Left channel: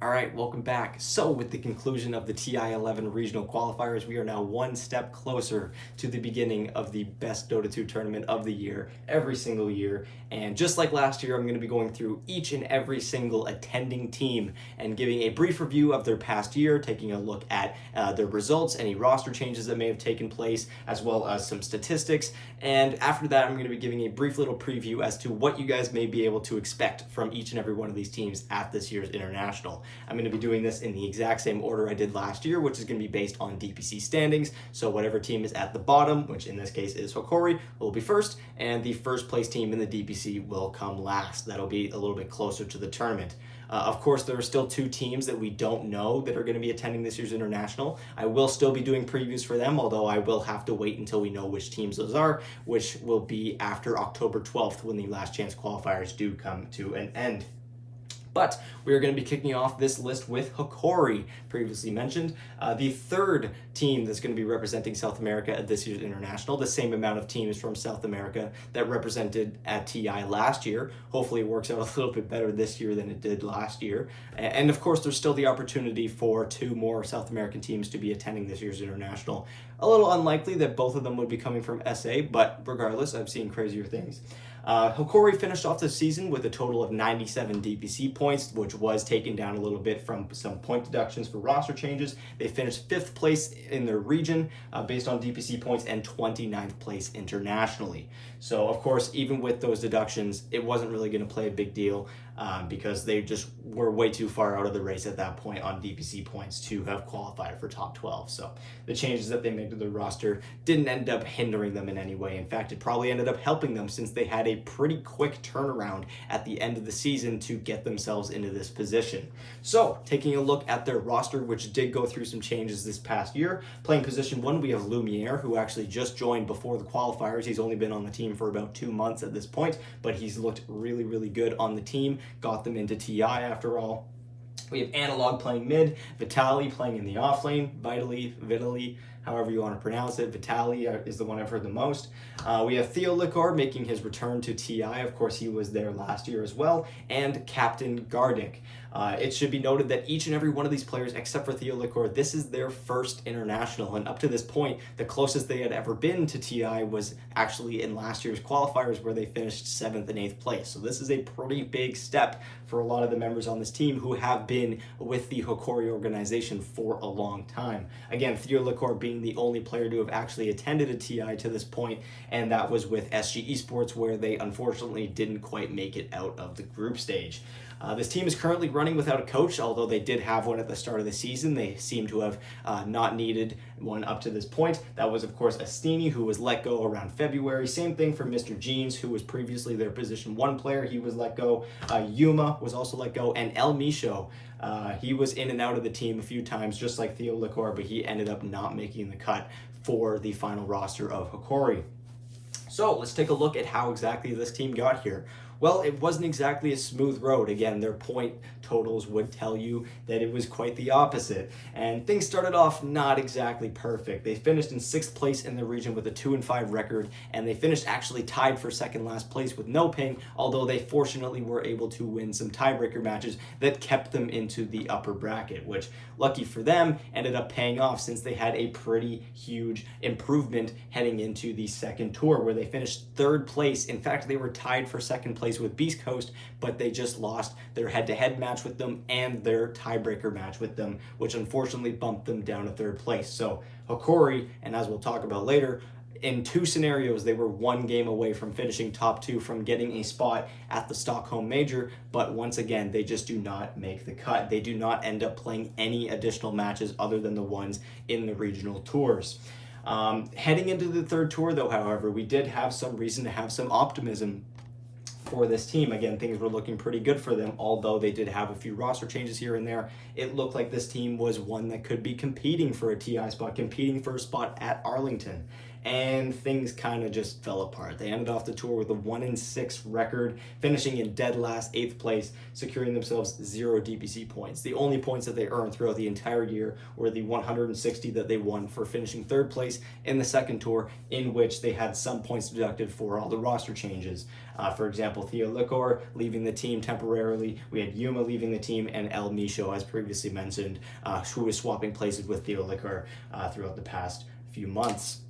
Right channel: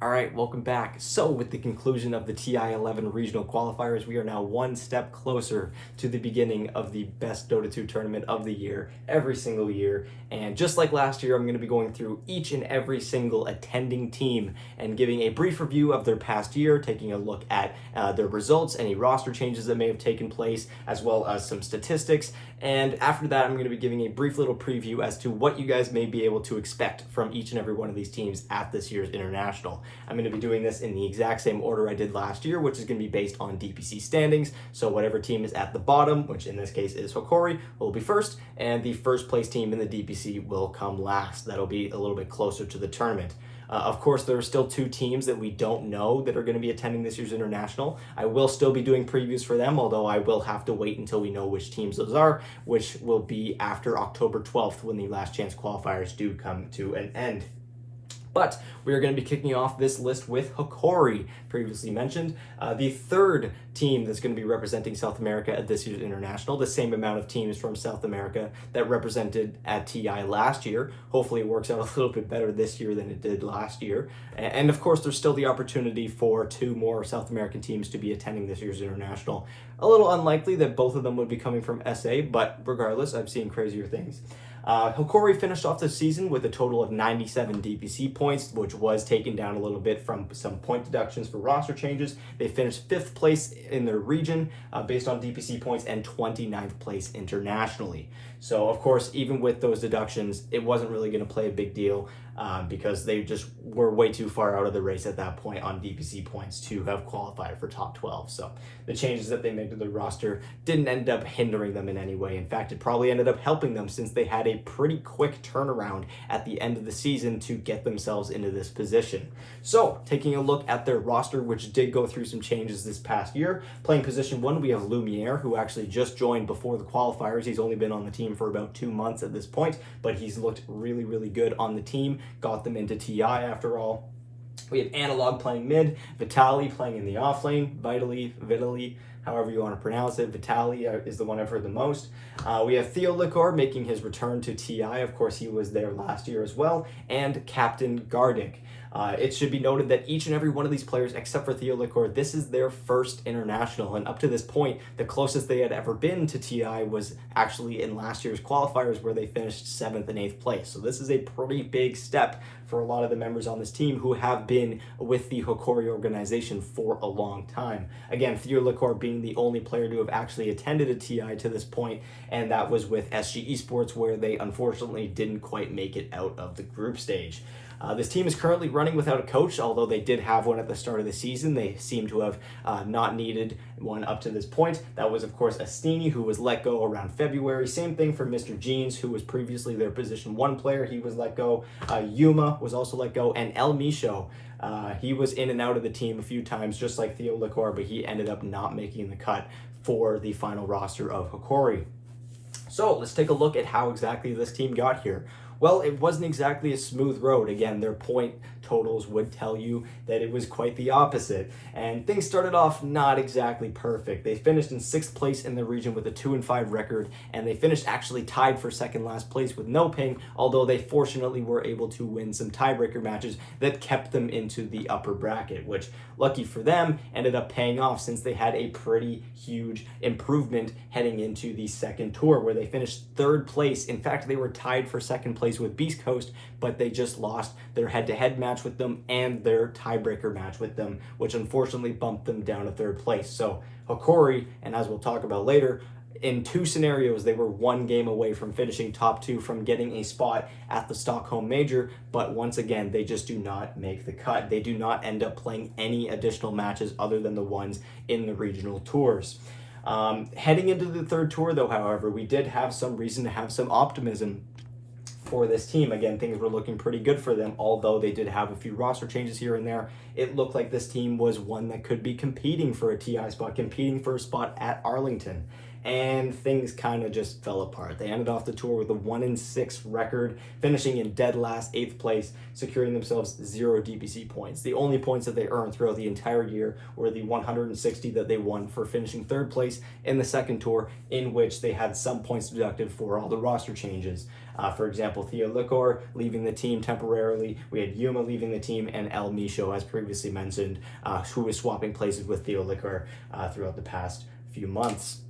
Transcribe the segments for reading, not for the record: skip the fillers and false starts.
All right, welcome back. So with the conclusion of the TI11 regional qualifiers, we are now one step closer to the beginning of the best Dota 2 tournament of the year, every single year. And just like last year, I'm going to be going through each and every single attending team and giving a brief review of their past year, taking a look at their results, any roster changes that may have taken place, as well as some statistics. And after that, I'm going to be giving a brief little preview as to what you guys may be able to expect from each and every one of these teams at this year's International. I'm going to be doing this in the exact same order I did last year, which is going to be based on DPC standings. So whatever team is at the bottom, which in this case is Hokori, will be first, and the first place team in the DPC will come last. That'll be a little bit closer to the tournament. Of course, there are still two teams that we don't know that are going to be attending this year's International. I will still be doing previews for them, although I will have to wait until we know which teams those are, which will be after October 12th when the last chance qualifiers do come to an end. But we are going to be kicking off this list with Hokori, previously mentioned, the third team that's going to be representing South America at this year's International, the same amount of teams from South America that represented at TI last year. Hopefully it works out a little bit better this year than it did last year. And of course, there's still the opportunity for two more South American teams to be attending this year's International. A little unlikely that both of them would be coming from SA, but regardless, I've seen crazier things. Hokori finished off the season with a total of 97 DPC points, which was taken down a little bit from some point deductions for roster changes. They finished 5th place in their region based on DPC points and 29th place internationally. So, of course, even with those deductions, it wasn't really going to play a big deal because they just were way too far out of the race at that point on DPC points to have qualified for top 12. So the changes that they made to the roster didn't end up hindering them in any way. In fact, it probably ended up helping them since they had a pretty quick turnaround at the end of the season to get themselves into this position. So taking a look at their roster, which did go through some changes this past year, playing position 1, we have Lumiere, who actually just joined before the qualifiers. He's only been on the team for about 2 months at this point, but he's looked really, really good on the team. Got them into TI after all. We have Analog playing mid, Vitali playing in the off lane, Vitali, however you want to pronounce it. Vitali is the one I've heard the most. We have Theo Licor making his return to TI. Of course, he was there last year as well. And Captain Gardic. It should be noted that each and every one of these players, except for Theo Licor, this is their first International. And up to this point, the closest they had ever been to TI was actually in last year's qualifiers, where they finished 7th and 8th place. So this is a pretty big step for a lot of the members on this team who have been with the Hokori organization for a long time. Again, Theo Licor being the only player to have actually attended a TI to this point, and that was with SG Esports, where they unfortunately didn't quite make it out of the group stage. This team is currently running without a coach, although they did have one at the start of the season. They seem to have not needed one up to this point. That was, of course, Astini, who was let go around February. Same thing for Mr. Jeans, who was previously their position 1 player. He was let go. Yuma was also let go. And El Misho, he was in and out of the team a few times, just like Theo Licor, but he ended up not making the cut for the final roster of Hokori. So let's take a look at how exactly this team got here. Well, it wasn't exactly a smooth road. Again, their point totals would tell you that it was quite the opposite. And things started off not exactly perfect. They finished in 6th place in the region with a 2-5 record, and they finished actually tied for 2nd last place with no ping, although they fortunately were able to win some tiebreaker matches that kept them into the upper bracket, which, lucky for them, ended up paying off since they had a pretty huge improvement heading into the second tour, where they finished 3rd place. In fact, they were tied for 2nd place with Beast Coast, but they just lost their head-to-head match with them and their tiebreaker match with them, which unfortunately bumped them down to 3rd place. So Hokori, and as we'll talk about later, in 2 scenarios, they were 1 game away from finishing top 2 from getting a spot at the Stockholm Major, but once again, they just do not make the cut. They do not end up playing any additional matches other than the ones in the regional tours. Heading into the 3rd tour, though, however, we did have some reason to have some optimism for this team. Again, things were looking pretty good for them, although they did have a few roster changes here and there. It looked like this team was one that could be competing for a TI spot, competing for a spot at Arlington. and things kind of just fell apart. They ended off the tour with a 1-6 record, finishing in dead last, 8th place, securing themselves 0 DPC points. The only points that they earned throughout the entire year were the 160 that they won for finishing 3rd place in the second tour, in which they had some points deducted for all the roster changes. For example, TI11 leaving the team temporarily. We had Yuma leaving the team, and El Micho, as previously mentioned, who was swapping places with TI11 throughout the past few months.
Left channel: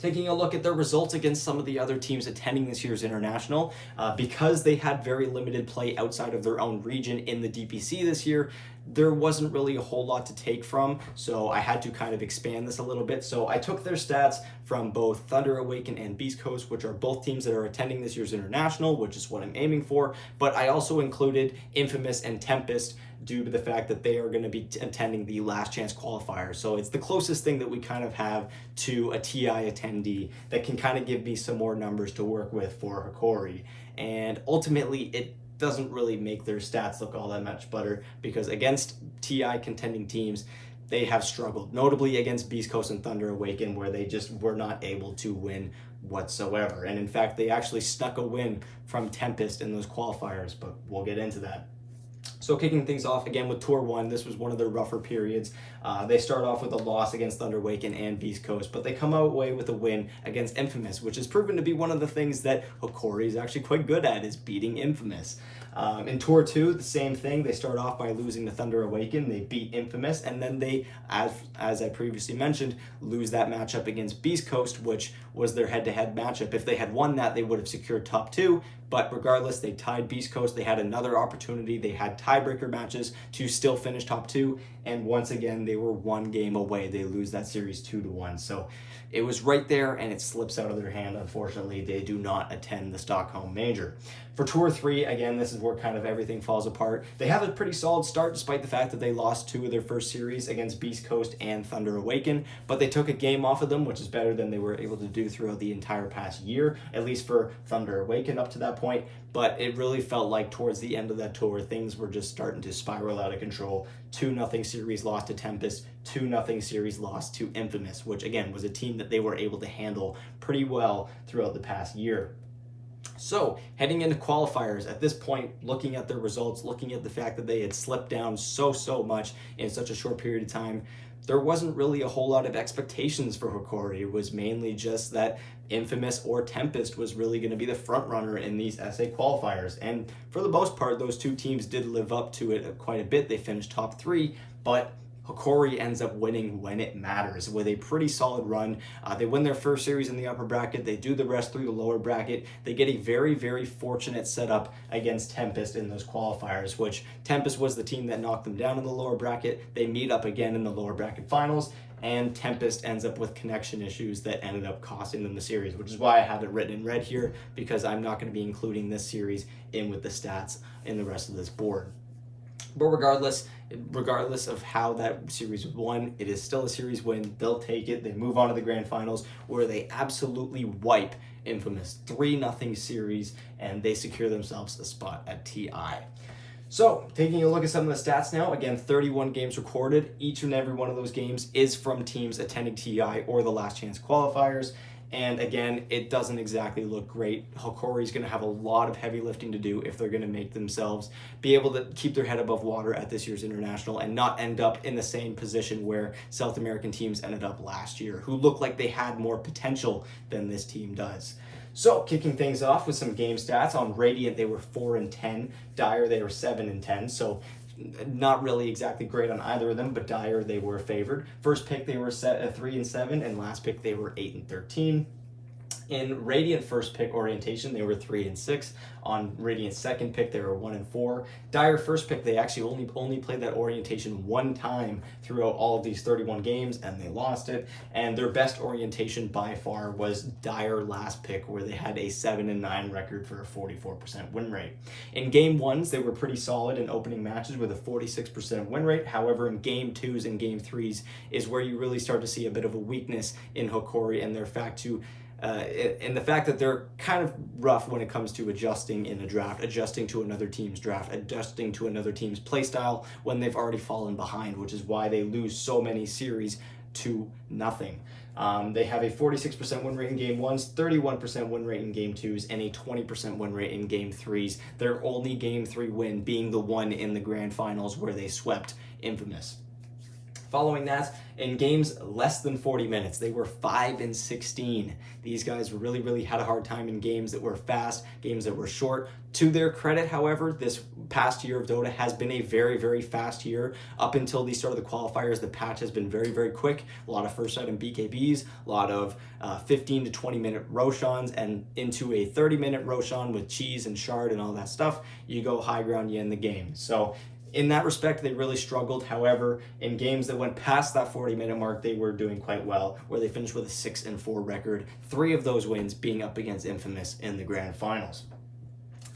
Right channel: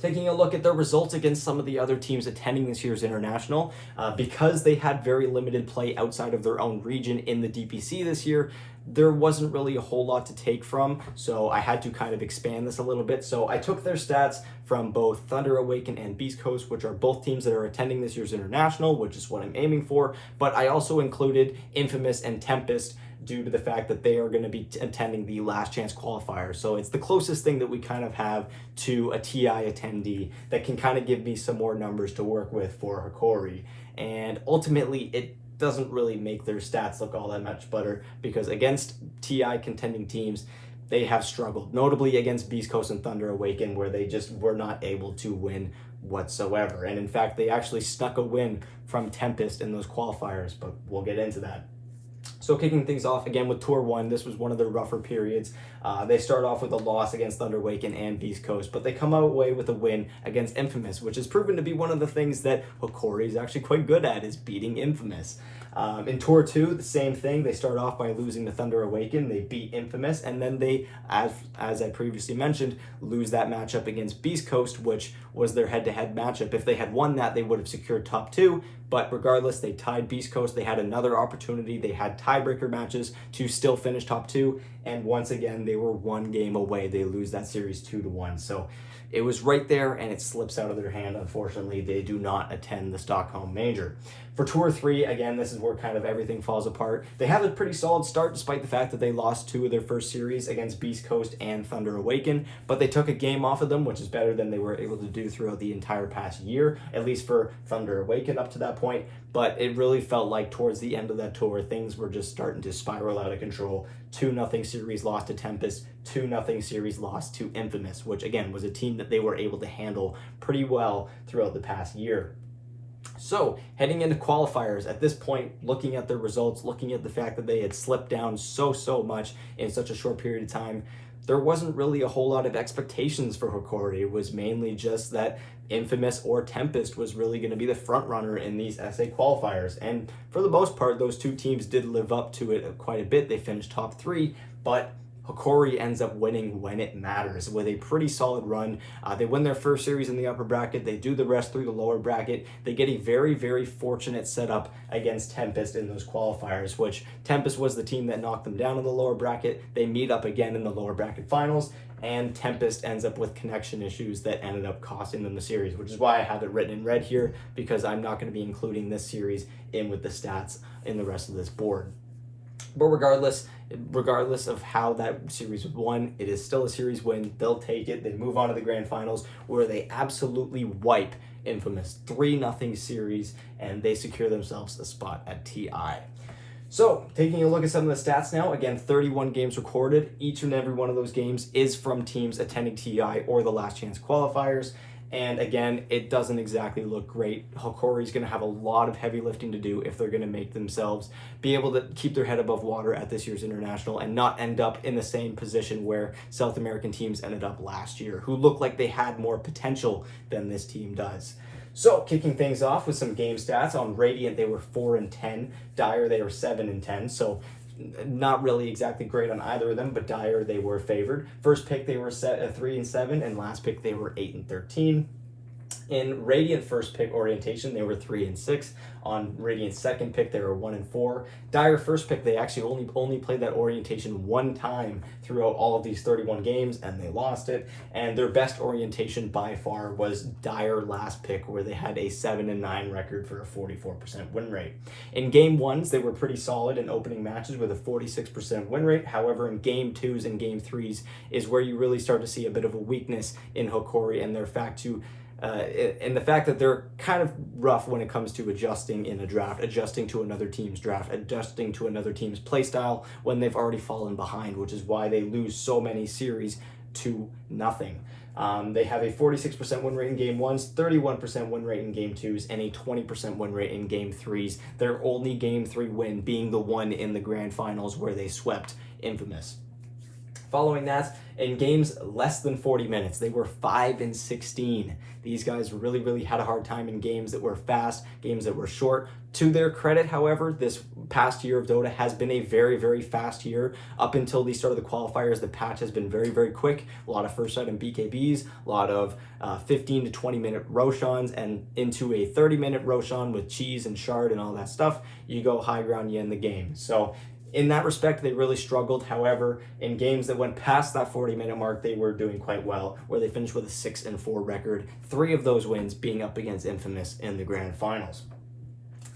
Taking a look at their results against some of the other teams attending this year's International, because they had very limited play outside of their own region in the DPC this year, there wasn't really a whole lot to take from, so I had to kind of expand this a little bit. So I took their stats from both Thunder Awaken and Beast Coast, which are both teams that are attending this year's International, which is what I'm aiming for, but I also included Infamous and Tempest due to the fact that they are going to be attending the Last Chance Qualifier. So it's the closest thing that we kind of have to a TI attendee that can kind of give me some more numbers to work with for Hokori. And ultimately, it doesn't really make their stats look all that much better, because against TI contending teams, they have struggled, notably against Beast Coast and Thunder Awaken, where they just were not able to win whatsoever. And in fact, they actually snuck a win from Tempest in those qualifiers, but we'll get into that. So kicking things off again with Tour 1, this was one of their rougher periods. They start off with a loss against Thunder Awaken and Beast Coast, but they come away with a win against Infamous, which has proven to be one of the things that Hokori is actually quite good at, is beating Infamous. In Tour 2, the same thing. They start off by losing to Thunder Awaken. They beat Infamous, and then they, as I previously mentioned, lose that matchup against Beast Coast, which was their head-to-head matchup. If they had won that, they would have secured top 2, but regardless, they tied Beast Coast. They had another opportunity. They had tiebreaker matches to still finish top 2, and once again, they were one game away. They lose that series 2-1. So it was right there, and it slips out of their hand. Unfortunately, they do not attend the Stockholm Major. For Tour 3, again, this is where kind of everything falls apart. They have a pretty solid start, despite the fact that they lost 2 of their first series against Beast Coast and Thunder Awaken, but they took a game off of them, which is better than they were able to do throughout the entire past year, at least for Thunder Awaken up to that point. But it really felt like towards the end of that tour, things were just starting to spiral out of control. 2-0 series loss to Tempest, 2-0 series loss to Infamous, which again was a team that they were able to handle pretty well throughout the past year. So heading into qualifiers, at this point, looking at their results, looking at the fact that they had slipped down so much in such a short period of time, there wasn't really a whole lot of expectations for Hokori. It was mainly just that Infamous or Tempest was really going to be the front runner in these SA qualifiers. And for the most part, those two teams did live up to it quite a bit. They finished top 3, but Hokori ends up winning when it matters with a pretty solid run. They win their first series in the upper bracket. They do the rest through the lower bracket. They get a very fortunate setup against Tempest in those qualifiers, which Tempest was the team that knocked them down in the lower bracket. They meet up again in the lower bracket finals, and Tempest ends up with connection issues that ended up costing them the series, which is why I have it written in red here, because I'm not going to be including this series in with the stats in the rest of this board. But regardless of how that series was won, it is still a series win. They'll take it. They move on to the grand finals, where they absolutely wipe Infamous 3-0 series, and they secure themselves a spot at TI. So, taking a look at some of the stats now, again, 31 games recorded. Each and every one of those games is from teams attending TI or the Last Chance Qualifiers. And again, it doesn't exactly look great. Hokori's going to have a lot of heavy lifting to do if they're going to make themselves be able to keep their head above water at this year's International and not end up in the same position where South American teams ended up last year, who looked like they had more potential than this team does. So, kicking things off with some game stats. On Radiant, they were 4-10. Dire, they were 7-10. So, not really exactly great on either of them, but Dire, they were favored. First pick, they were set 3-7, and last pick, they were 8-13. In Radiant first pick orientation, they were 3-6. On Radiant second pick, they were 1-4. Dire first pick, they actually only played that orientation one time throughout all of these 31 games, and they lost it. And their best orientation by far was Dire last pick, where they had a 7-9 record for a 44% win rate. In game ones, they were pretty solid in opening matches with a 46% win rate. However, in game twos and game threes is where you really start to see a bit of a weakness in Hokori and their fact that they're kind of rough when it comes to adjusting in a draft, adjusting to another team's draft, adjusting to another team's playstyle when they've already fallen behind, which is why they lose so many series to nothing. They have a 46% win rate in game ones, 31% win rate in game twos, and a 20% win rate in game threes. Their only game three win being the one in the grand finals where they swept Infamous. Following that, in games less than 40 minutes, they were 5-16. These guys really had a hard time in games that were fast, games that were short. To their credit, however, this past year of Dota has been a very fast year. Up until the start of the qualifiers, the patch has been very quick. A lot of first item BKBs, a lot of 15 to 20 minute Roshans, and into a 30-minute Roshan with cheese and shard and all that stuff. You go high ground, you end the game. So in that respect, they really struggled. However, in games that went past that 40-minute mark, they were doing quite well, where they finished with a 6-4 record, 3 of those wins being up against Infamous in the grand finals.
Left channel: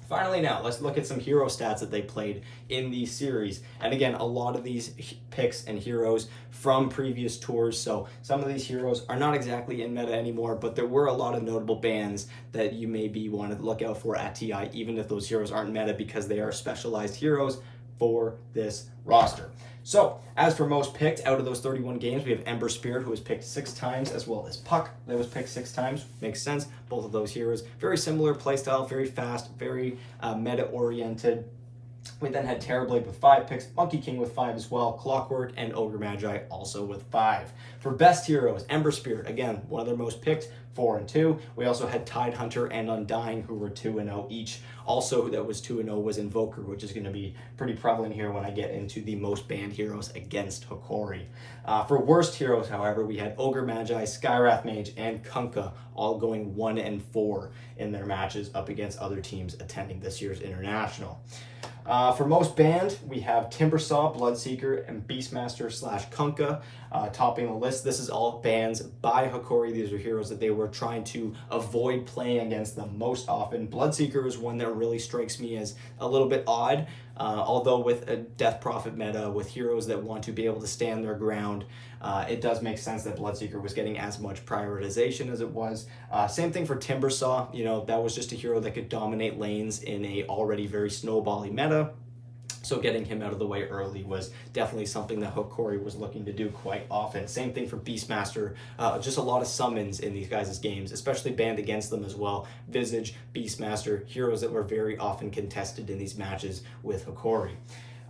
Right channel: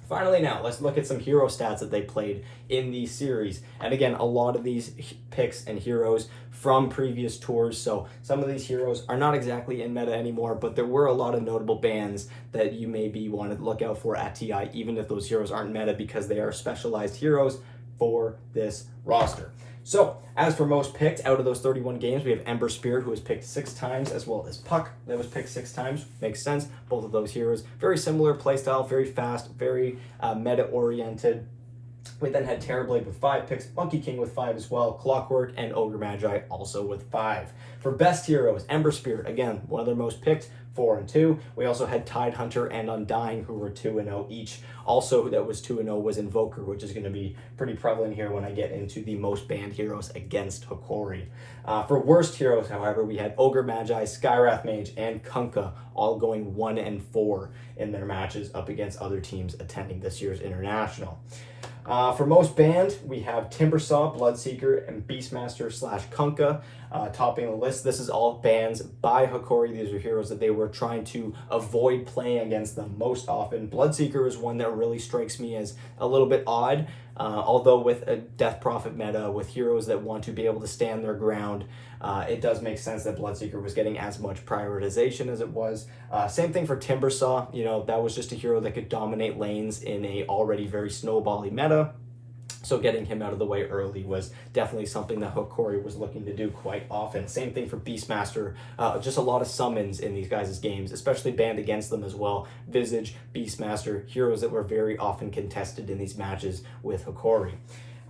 Finally, now let's look at some hero stats that they played in the series. And again, a lot of these picks and heroes from previous tours, so some of these heroes are not exactly in meta anymore, but there were a lot of notable bans that you maybe want to look out for at TI, even if those heroes aren't meta, because they are specialized heroes for this roster. So, as for most picked, out of those 31 games, we have Ember Spirit, who was picked 6 times, as well as Puck, that was picked 6 times. Makes sense. Both of those heroes, very similar playstyle, very fast, very meta-oriented. We then had Terrorblade with 5 picks, Monkey King with 5 as well, Clockwork and Ogre Magi also with 5. For best heroes, Ember Spirit, again, one of their most picked, 4 and 2. We also had Tide Hunter and Undying, who were 2 and 0 each. Also, that was 2 and 0 was Invoker, which is going to be pretty prevalent here when I get into the most banned heroes against Hokori. For worst heroes, however, we had Ogre Magi, Skywrath Mage, and Kunkka all going 1 and 4 in their matches up against other teams attending this year's International. For most banned, we have Timbersaw, Bloodseeker, and Beastmaster / Kunkka topping the list. This is all bans by Hokori. These are heroes that they were trying to avoid playing against them most often. Bloodseeker is one that really strikes me as a little bit odd, although with a Death Prophet meta, with heroes that want to be able to stand their ground, it does make sense that Bloodseeker was getting as much prioritization as it was. Same thing for Timbersaw. You know, that was just a hero that could dominate lanes in a already very snowbally meta. So getting him out of the way early was definitely something that Hokori was looking to do quite often. Same thing for Beastmaster. Just a lot of summons in these guys' games, especially banned against them as well. Visage, Beastmaster, heroes that were very often contested in these matches with Hokori.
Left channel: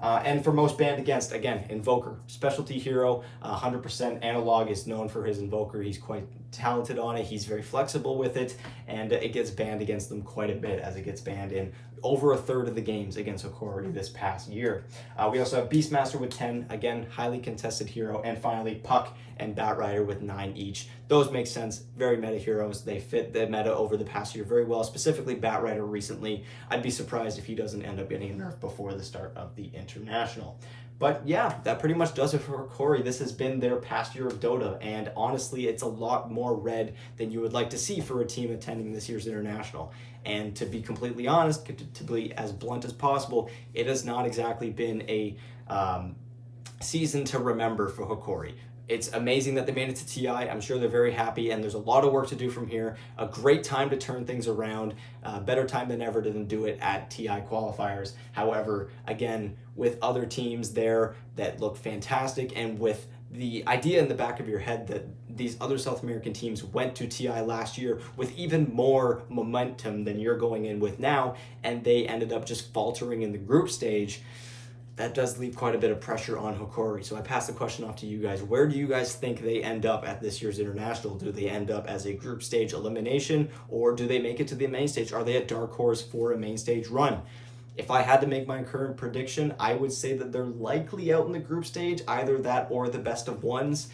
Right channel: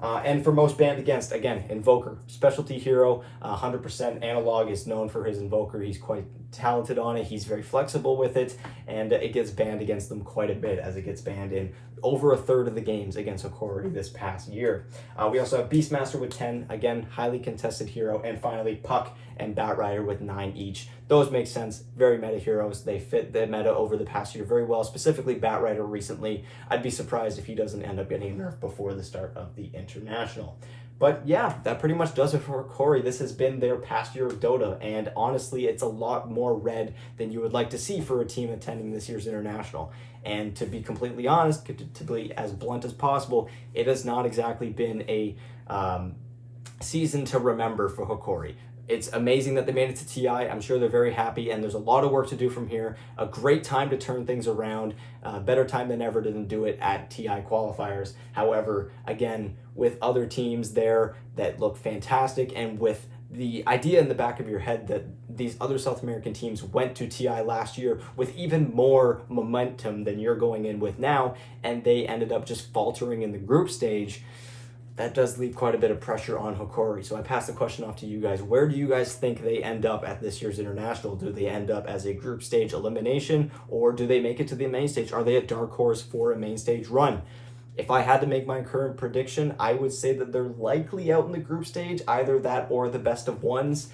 And for most banned against, again, Invoker, specialty hero, 100% analog, is known for his Invoker. He's quite talented on it. He's very flexible with it, and it gets banned against them quite a bit, as it gets banned in over 1/3 of the games against Hokori this past year. We also have Beastmaster with 10, again, highly contested hero, and finally Puck and Batrider with 9 each. Those make sense, very meta heroes. They fit the meta over the past year very well, specifically Batrider recently. I'd be surprised if he doesn't end up getting a nerf before the start of the International. But yeah, that pretty much does it for Hokori. This has been their past year of Dota, and honestly, it's a lot more red than you would like to see for a team attending this year's International. And to be completely honest, to be as blunt as possible, it has not exactly been a season to remember for Hokori. It's amazing that they made it to TI. I'm sure they're very happy, and there's a lot of work to do from here. A great time to turn things around. Better time than ever to do it at TI qualifiers. However, again, with other teams there that look fantastic, and with the idea in the back of your head that these other South American teams went to TI last year with even more momentum than you're going in with now, and they ended up just faltering in the group stage, that does leave quite a bit of pressure on Hokori. So I pass the question off to you guys. Where do you guys think they end up at this year's International? Do they end up as a group stage elimination, or do they make it to the main stage? Are they a dark horse for a main stage run? If I had to make my current prediction, I would say that they're likely out in the group stage, either that or the best of ones.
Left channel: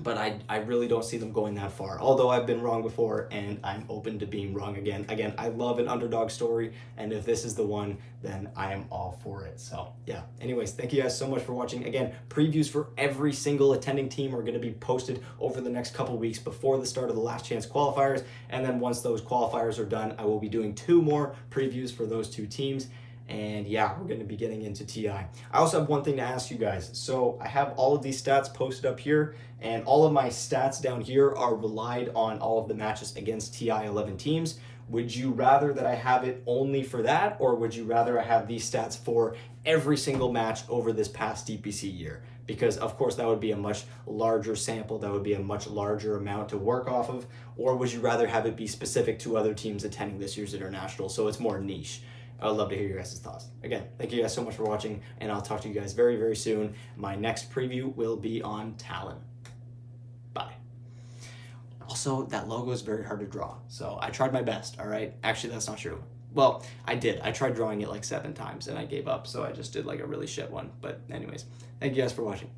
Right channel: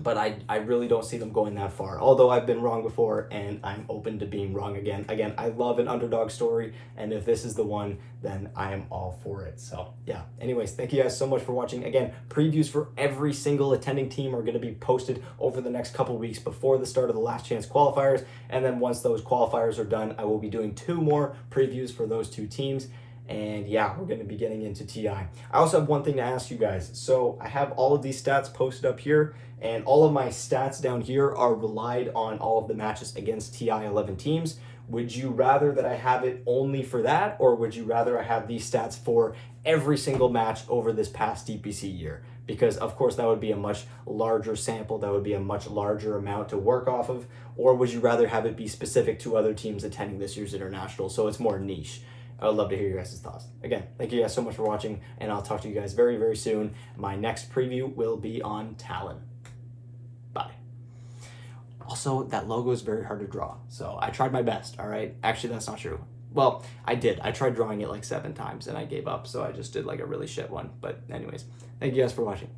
But I really don't see them going that far. Although I've been wrong before, and I'm open to being wrong again. Again, I love an underdog story, and if this is the one, then I am all for it. So yeah, anyways, thank you guys so much for watching. Again, previews for every single attending team are going to be posted over the next couple weeks before the start of the last chance qualifiers. And then once those qualifiers are done, I will be doing 2 more previews for those 2 teams. And yeah, we're going to be getting into TI. I also have one thing to ask you guys. So I have all of these stats posted up here, and all of my stats down here are relied on all of the matches against TI11 teams. Would you rather that I have it only for that, or would you rather I have these stats for every single match over this past DPC year? because of course that would be a much larger sample, that would be a much larger amount to work off of? Or would you rather have it be specific to other teams attending this year's international, so it's more niche? I would love to hear your guys' thoughts. Again, thank you guys so much for watching, and I'll talk to you guys very, very soon. My next preview will be on Talon. Bye. Also, that logo is very hard to draw, so I tried my best, all right? Actually, that's not true. Well, I did. I tried drawing it like 7 times, and I gave up, so I just did like a really shit one. But anyways, thank you guys for watching.